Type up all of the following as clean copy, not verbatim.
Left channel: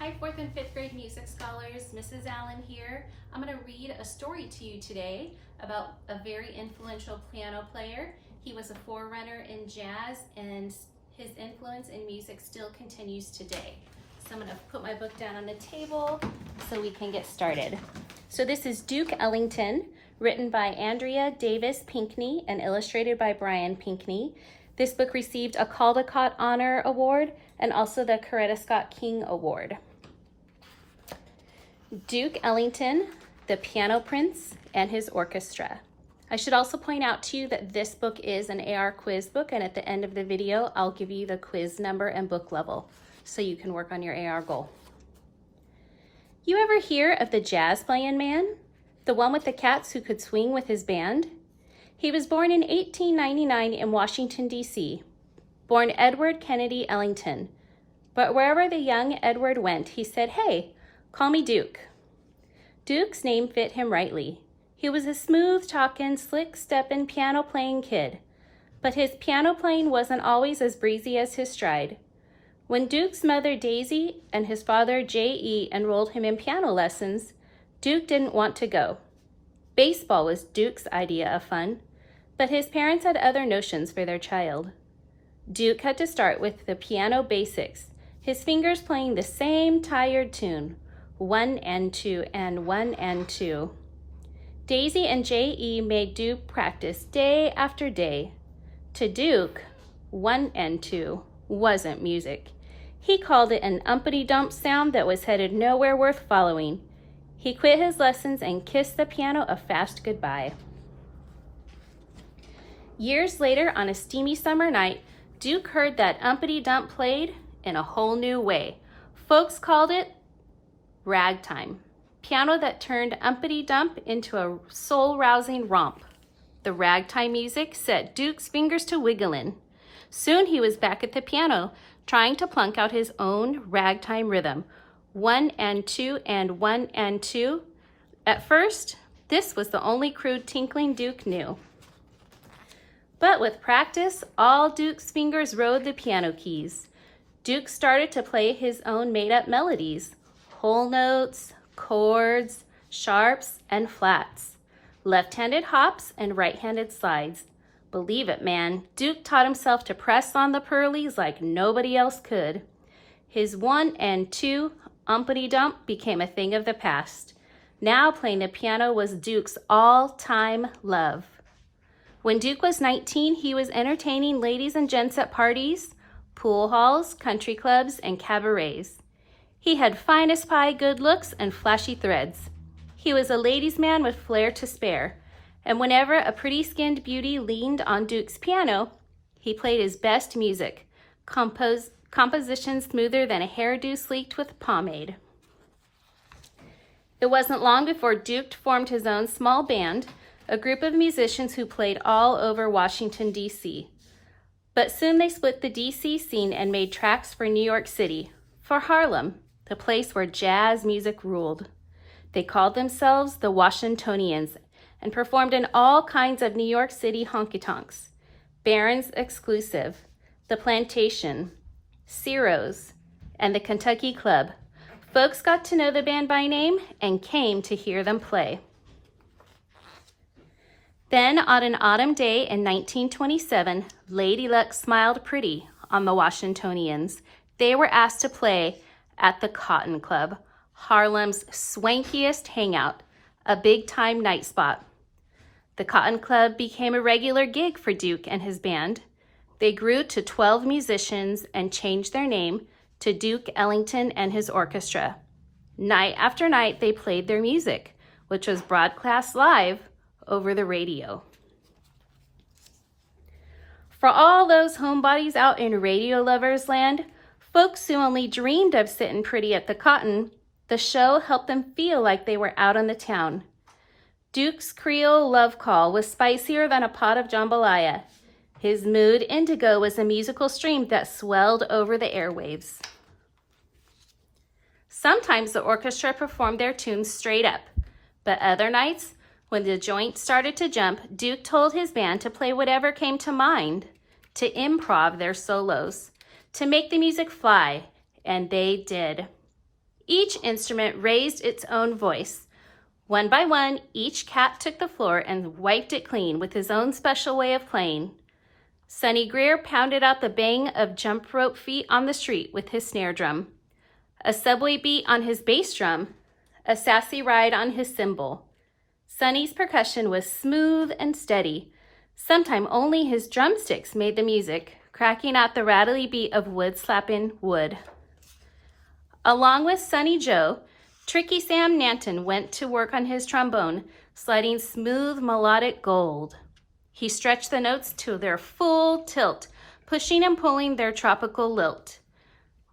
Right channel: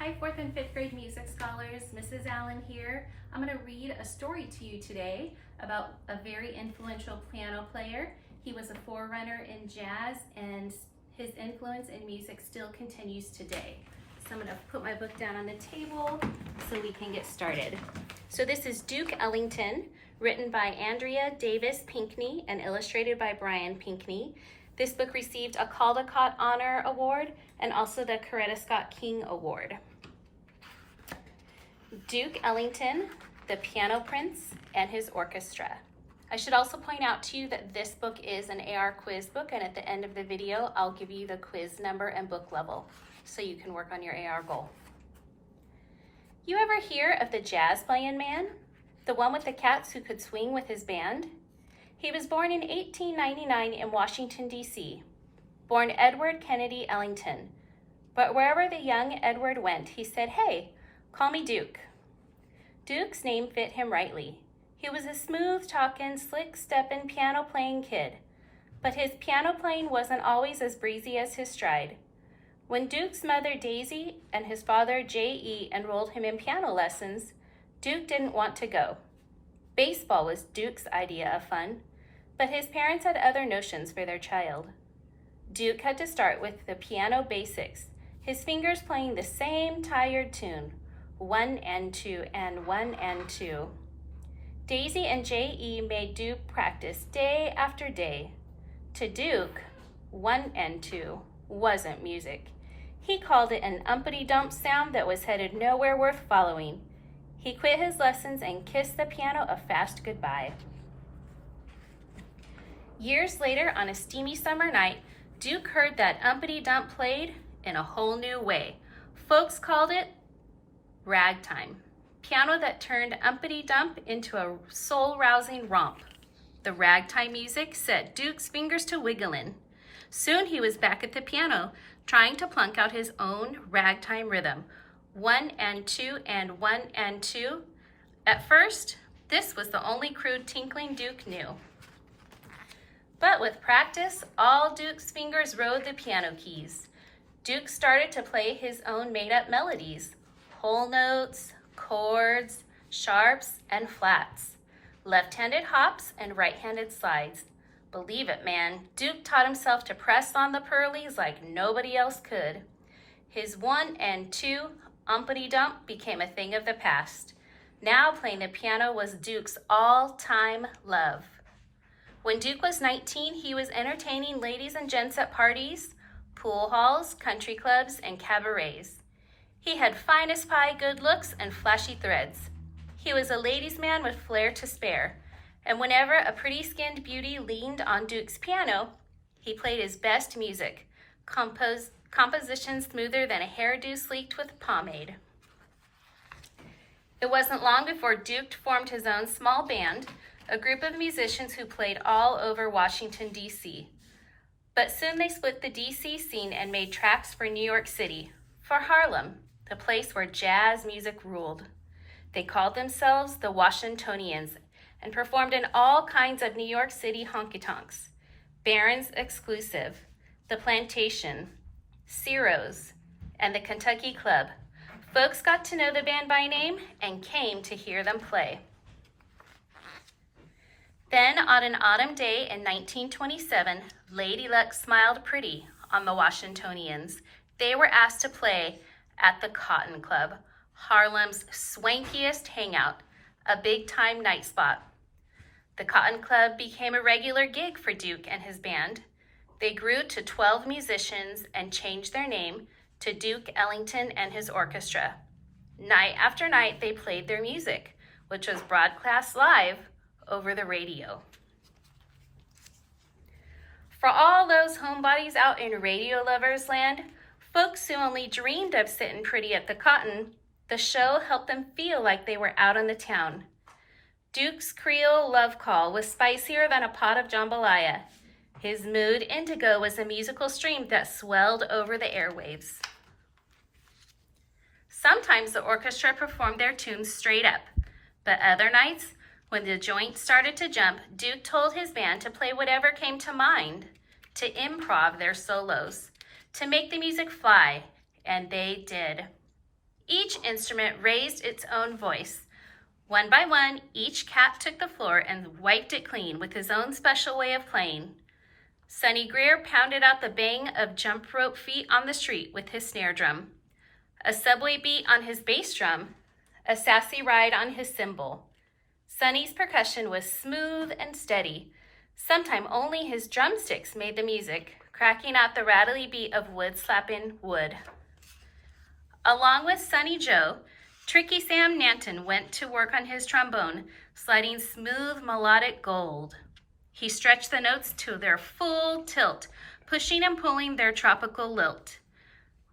Hi, 4th and 5th grade music scholars. Mrs. Allen here. I'm going to read a story to you today about a very influential piano player. He was a forerunner in jazz, and his influence in music still continues today. So I'm going to put my book down on the table so we can get started. So this is Duke Ellington, written by Andrea Davis Pinkney and illustrated by Brian Pinkney. This book received a Caldecott Honor Award and also the Coretta Scott King Award. Duke Ellington, the Piano Prince, and his Orchestra. I should also point out to you that this book is an AR quiz book, and at the end of the video, I'll give you the quiz number and book level so you can work on your AR goal. You ever hear of the jazz playing man? The one with the cats who could swing with his band? He was born in 1899 in Washington, D.C., born Edward Kennedy Ellington. But wherever the young Edward went, he said, "Hey, call me Duke." Duke's name fit him rightly. He was a smooth-talking, slick-stepping, piano-playing kid. But his piano playing wasn't always as breezy as his stride. When Duke's mother, Daisy, and his father, J.E., enrolled him in piano lessons, Duke didn't want to go. Baseball was Duke's idea of fun, but his parents had other notions for their child. Duke had to start with the piano basics, his fingers playing the same tired tune, 1 and 2 and 1 and 2. Daisy and J.E. made Duke practice day after day. To Duke, 1 and 2 wasn't music. He called it an Uppity Dump sound that was headed nowhere worth following. He quit his lessons and kissed the piano a fast goodbye. Years later, on a steamy summer night, Duke heard that Uppity Dump played in a whole new way. Folks called it ragtime, piano that turned Uppity Dump into a soul-rousing romp. The ragtime music set Duke's fingers to wiggling. Soon he was back at the piano, trying to plunk out his own ragtime rhythm, 1 and 2 and 1 and 2. At first, this was the only crude tinkling Duke knew. But with practice, all Duke's fingers rode the piano keys. Duke started to play his own made-up melodies, whole notes, chords, sharps, and flats, left-handed hops and right-handed slides. Believe it, man, Duke taught himself to press on the Pearlies like nobody else could. His 1 and 2 Uppity Dump became a thing of the past. Now playing the piano was Duke's all-time love. When Duke was 19, he was entertaining ladies and gents at parties, pool halls, country clubs, and cabarets. He had fine as pie good looks and flashy threads. He was a ladies' man with flair to spare, and whenever a pretty-skinned beauty leaned on Duke's piano, he played his best music, composition smoother than a hairdo sleeked with pomade. It wasn't long before Duke formed his own small band, a group of musicians who played all over Washington, D.C. But soon they split the D.C. scene and made tracks for New York City, for Harlem, the place where jazz music ruled. They called themselves the Washingtonians and performed in all kinds of New York City honky-tonks, Barron's Exclusive, the Plantation, Ciro's, and the Kentucky Club. Folks got to know the band by name and came to hear them play. Then, on an autumn day in 1927, Lady Luck smiled pretty on the Washingtonians. They were asked to play at the Cotton Club, Harlem's swankiest hangout, a big-time night spot. The Cotton Club became a regular gig for Duke and his band. They grew to 12 musicians and changed their name to Duke Ellington and his orchestra. Night after night, they played their music, which was broadcast live over the radio. For all those homebodies out in radio lovers land, folks who only dreamed of sitting pretty at the Cotton, the show helped them feel like they were out on the town. Duke's Creole love call was spicier than a pot of jambalaya. His mood indigo was a musical stream that swelled over the airwaves. Sometimes the orchestra performed their tunes straight up, but other nights, when the joint started to jump, Duke told his band to play whatever came to mind, to improv their solos, to make the music fly, and they did. Each instrument raised its own voice. One by one, each cat took the floor and wiped it clean with his own special way of playing. Sonny Greer pounded out the bang of jump rope feet on the street with his snare drum, a subway beat on his bass drum, a sassy ride on his cymbal. Sonny's percussion was smooth and steady. Sometimes only his drumsticks made the music, cracking out the rattly beat of wood slapping wood. Along with Sonny Joe, Tricky Sam Nanton went to work on his trombone, sliding smooth melodic gold. He stretched the notes to their full tilt, pushing and pulling their tropical lilt.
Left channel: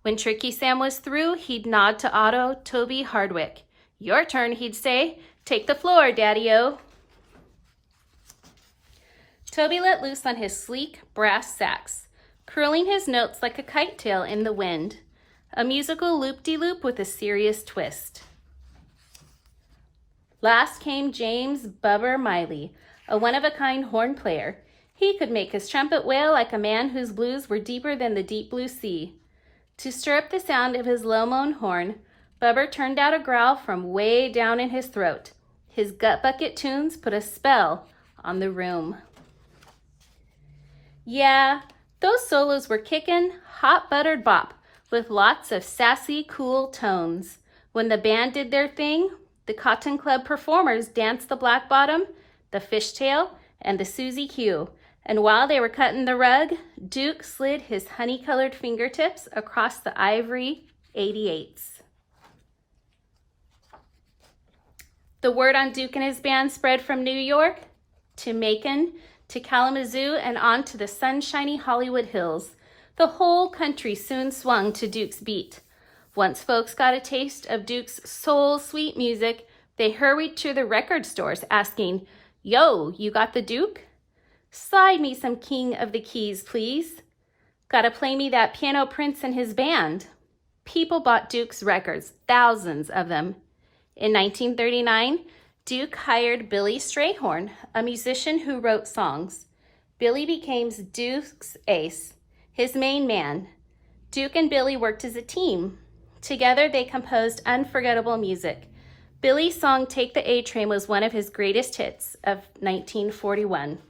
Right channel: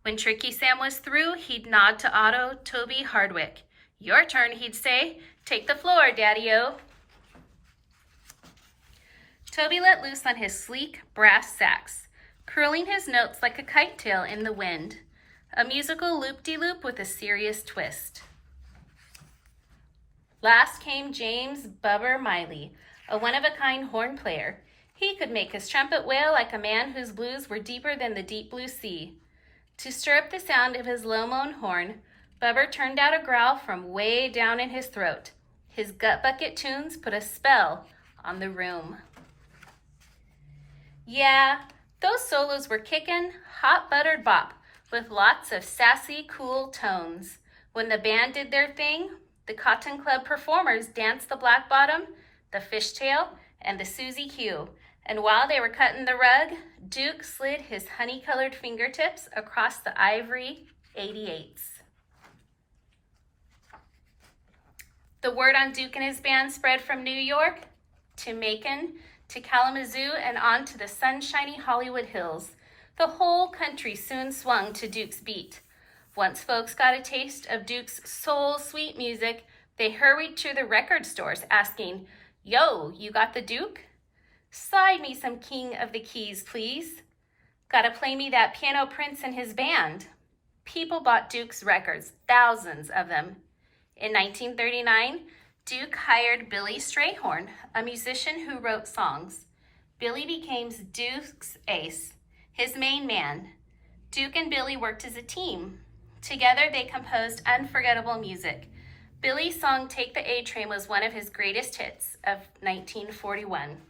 When Tricky Sam was through, he'd nod to Otto Toby Hardwick. "Your turn," he'd say. "Take the floor, Daddy-O." Toby let loose on his sleek brass sax, curling his notes like a kite tail in the wind, a musical loop-de-loop with a serious twist. Last came James Bubber Miley, a one-of-a-kind horn player. He could make his trumpet wail like a man whose blues were deeper than the deep blue sea. To stir up the sound of his low-moan horn, Bubber turned out a growl from way down in his throat. His gut bucket tunes put a spell on the room. Yeah, those solos were kickin', hot buttered bop with lots of sassy, cool tones. When the band did their thing, the Cotton Club performers danced the black bottom, the fishtail, and the Susie Q. And while they were cutting the rug, Duke slid his honey-colored fingertips across the ivory 88s. The word on Duke and his band spread from New York to Macon to Kalamazoo and on to the sunshiny Hollywood Hills. The whole country soon swung to Duke's beat. Once folks got a taste of Duke's soul-sweet music, they hurried to the record stores asking, "Yo, you got the Duke? Slide me some King of the Keys, please. Gotta play me that Piano Prince and his band." People bought Duke's records, thousands of them. In 1939, Duke hired Billy Strayhorn, a musician who wrote songs. Billy became Duke's ace, his main man. Duke and Billy worked as a team. Together, they composed unforgettable music. Billy's song "Take the A-Train" was one of his greatest hits of 1941.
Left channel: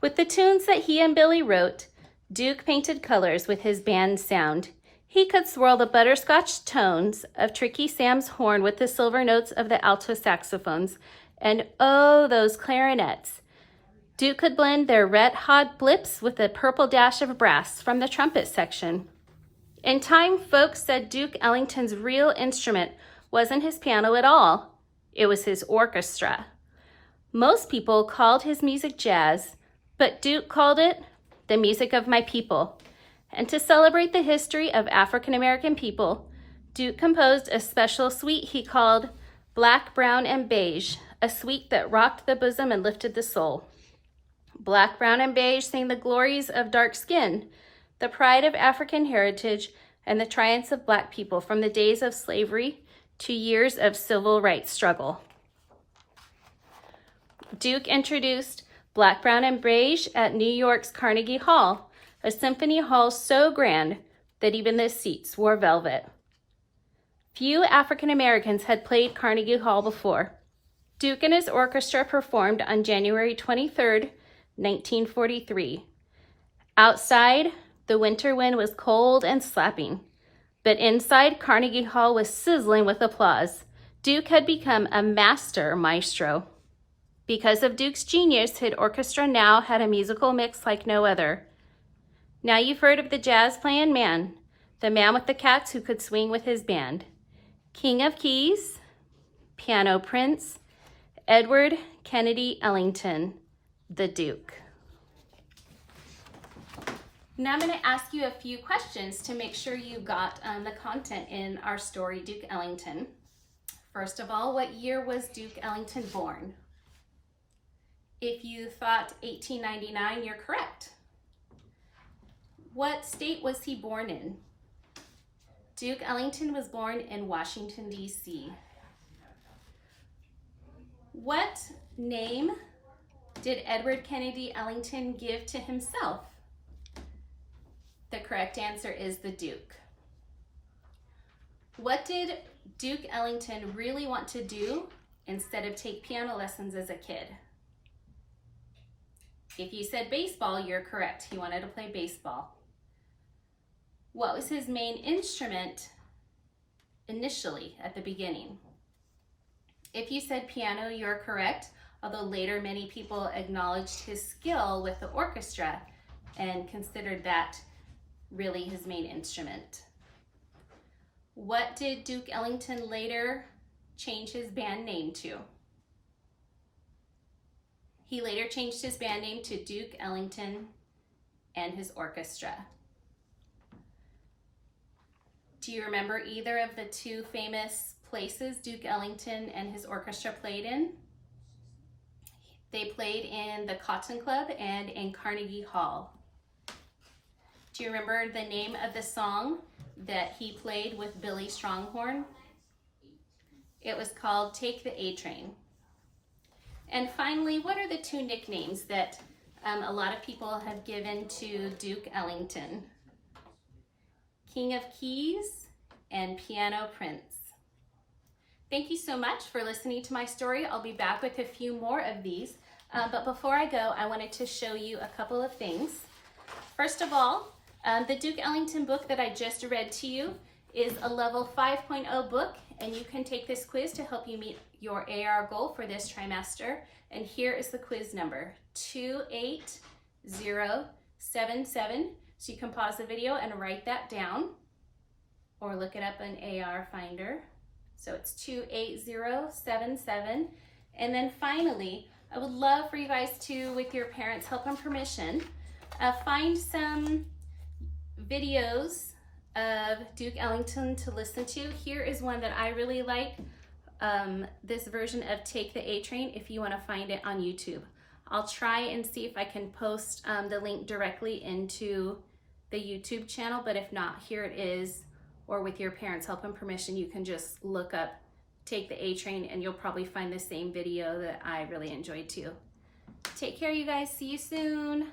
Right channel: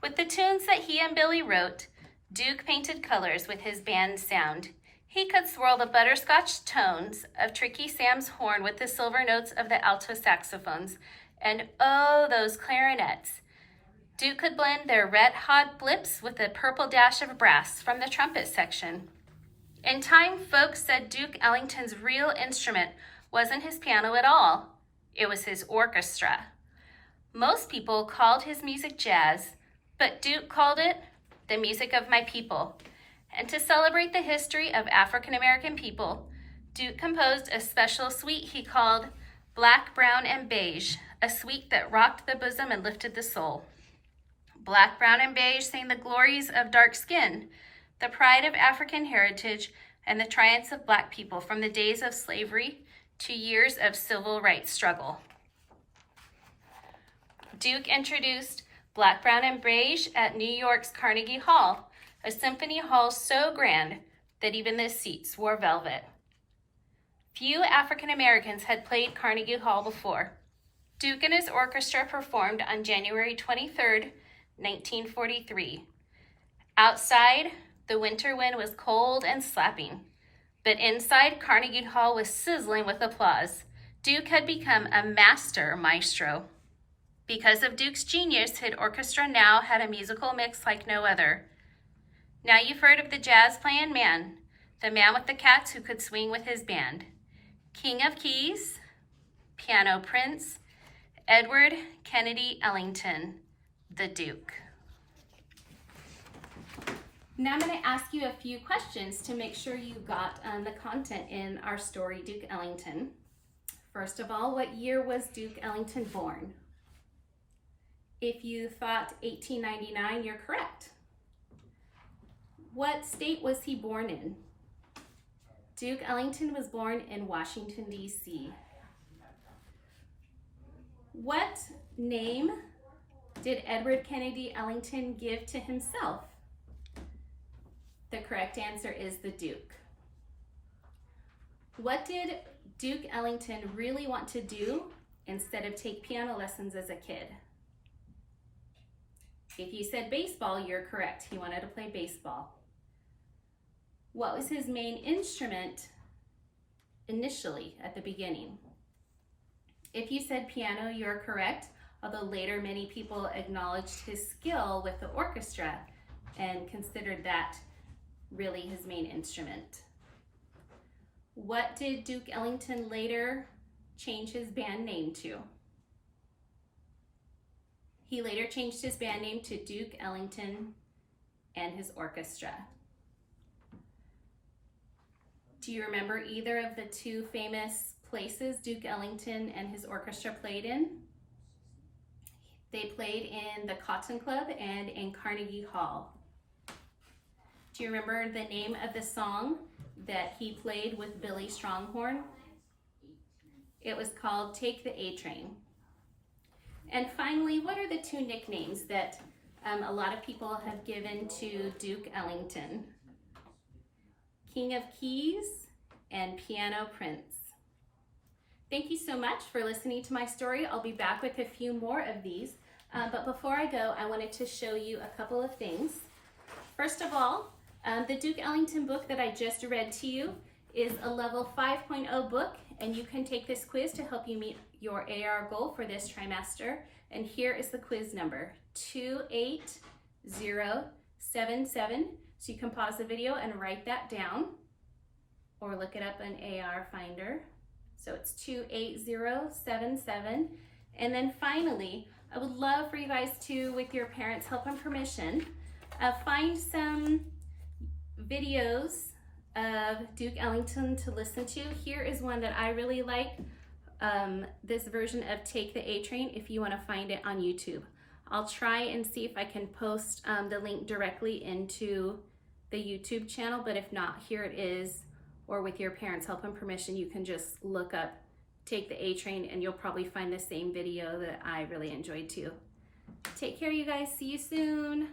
With the tunes that he and Billy wrote, Duke painted colors with his band's sound. He could swirl the butterscotch tones of Tricky Sam's horn with the silver notes of the alto saxophones, and oh, those clarinets. Duke could blend their red-hot blips with a purple dash of brass from the trumpet section. In time, folks said Duke Ellington's real instrument wasn't his piano at all. It was his orchestra. Most people called his music jazz, but Duke called it the music of my people. And to celebrate the history of African American people, Duke composed a special suite he called Black, Brown, and Beige, a suite that rocked the bosom and lifted the soul. Black, Brown, and Beige sang the glories of dark skin, the pride of African heritage, and the triumphs of Black people from the days of slavery to years of civil rights struggle. Duke introduced Black, Brown, and Beige at New York's Carnegie Hall, a symphony hall so grand that even the seats wore velvet. Few African Americans had played Carnegie Hall before. Duke and his orchestra performed on January 23rd, 1943. Outside, the winter wind was cold and slapping, but inside, Carnegie Hall was sizzling with applause. Duke had become a master maestro. Because of Duke's genius, his orchestra now had a musical mix like no other. Now you've heard of the jazz-playing man, the man with the cats who could swing with his band. King of Keys, Piano Prince, Edward Kennedy Ellington, the Duke. Now I'm going to ask you a few questions to make sure you got the content in our story, Duke Ellington. First of all, what year was Duke Ellington born? If you thought 1899, you're correct. What state was he born in? Duke Ellington was born in Washington, D.C. What name did Edward Kennedy Ellington give to himself? The correct answer is the Duke. What did Duke Ellington really want to do instead of take piano lessons as a kid? If you said baseball, you're correct. He wanted to play baseball. What was his main instrument initially at the beginning? If you said piano, you're correct, although later many people acknowledged his skill with the orchestra and considered that really his main instrument. What did Duke Ellington later change his band name to? He later changed his band name to Duke Ellington and his orchestra. Do you remember either of the two famous places Duke Ellington and his orchestra played in? They played in the Cotton Club and in Carnegie Hall. Do you remember the name of the song that he played with Billy Stronghorn? It was called Take the A Train. And finally, what are the two nicknames that a lot of people have given to Duke Ellington? King of Keys and Piano Prince. Thank you so much for listening to my story. I'll be back with a few more of these. But before I go, I wanted to show you a couple of things. First of all, the Duke Ellington book that I just read to you is a level 5.0 book, and you can take this quiz to help you meet your AR goal for this trimester. And here is the quiz number, 28077. So you can pause the video and write that down or look it up in AR Finder. So it's 28077. And then finally, I would love for you guys to, with your parents' help and permission, find some videos of Duke Ellington to listen to. Here is one that I really like, this version of Take the A Train, if you want to find it on YouTube. I'll try and see if I can post the link directly into the YouTube channel, but if not, here it is, or with your parents' help and permission, you can just look up Take the A Train and you'll probably find the same video that I really enjoyed too. Take care, you guys. See you soon.